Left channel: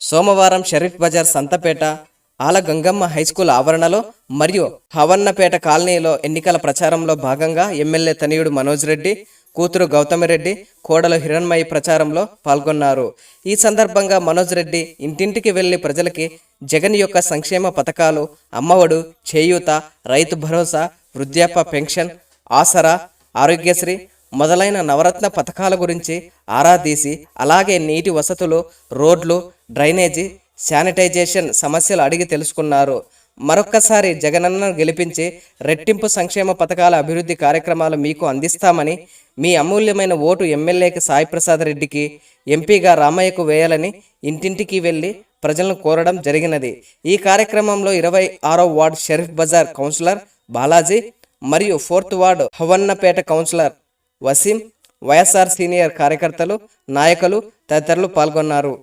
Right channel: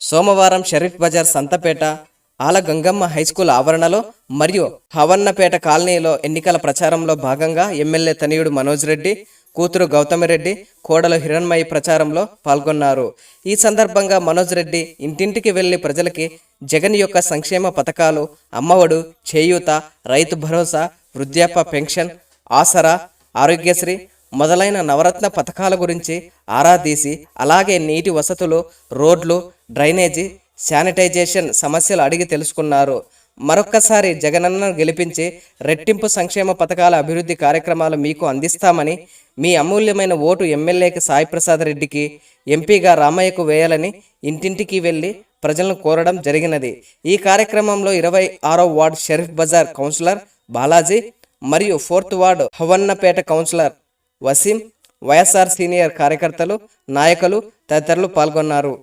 సోమవారం షరీఫ్ బజార్ సంతపేట ఆల గంగమ్మ హైస్కూల్ ఆవరణలో మరియు హవన్నపేట కాలనీలో ఎన్నికల ప్రచారంలో భాగంగా ఎమ్మెల్యే తనయుడు మనోజ్ రెడ్డి, కూతురు గౌతమిరెడ్డి, కోడలు హిరణ్మయి ప్రచారంలో పాల్గొన్నారు. ఈ సందర్భంగా మనోజ్ రెడ్డి ఇంటింటికి వెళ్లి ప్రజలకి జగన్ యొక్క సంక్షేమ పథకాలు, అమ్మఒడు, చేయూత, రైతు భరోసా, వృద్ధాప్య పెన్షన్, ఆసరా, ఆరోగ్యశ్రీ మొదలైన నవరత్న పథకాల గురించి ఆరా తీసి, అలాగే నీటి వసతులు, రోడ్లు, డ్రైనేజీ, శానిటైజేషన్ సమస్యలు అడిగి తెలుసుకున్నారు. మరొక్కసారి జగనన్నను గెలిపించి రెట్టింపు సంక్షేమ పథకాల అభివృద్ధి కార్యక్రమాలు మీకు అందిస్తామని, మీ అమూల్యమైన ఓటు ఎమ్మెల్యేకి సాయి ప్రసాద్ రెడ్డికి, ఎంపీగా రామయ్యకు వేయాలని ఇంటింటికి వెళ్ళి ప్రజలను కోరడం జరిగినది. ఈ కార్యక్రమంలో 26వ వార్డు షరీఫ్ బజార్ కౌన్సిలర్ బాలాజీ మరియు 4th ward Havannapet councillor Waseem, YSR senior కార్యకర్తలు, నాయకులు తదితరులు పాల్గొన్నారు.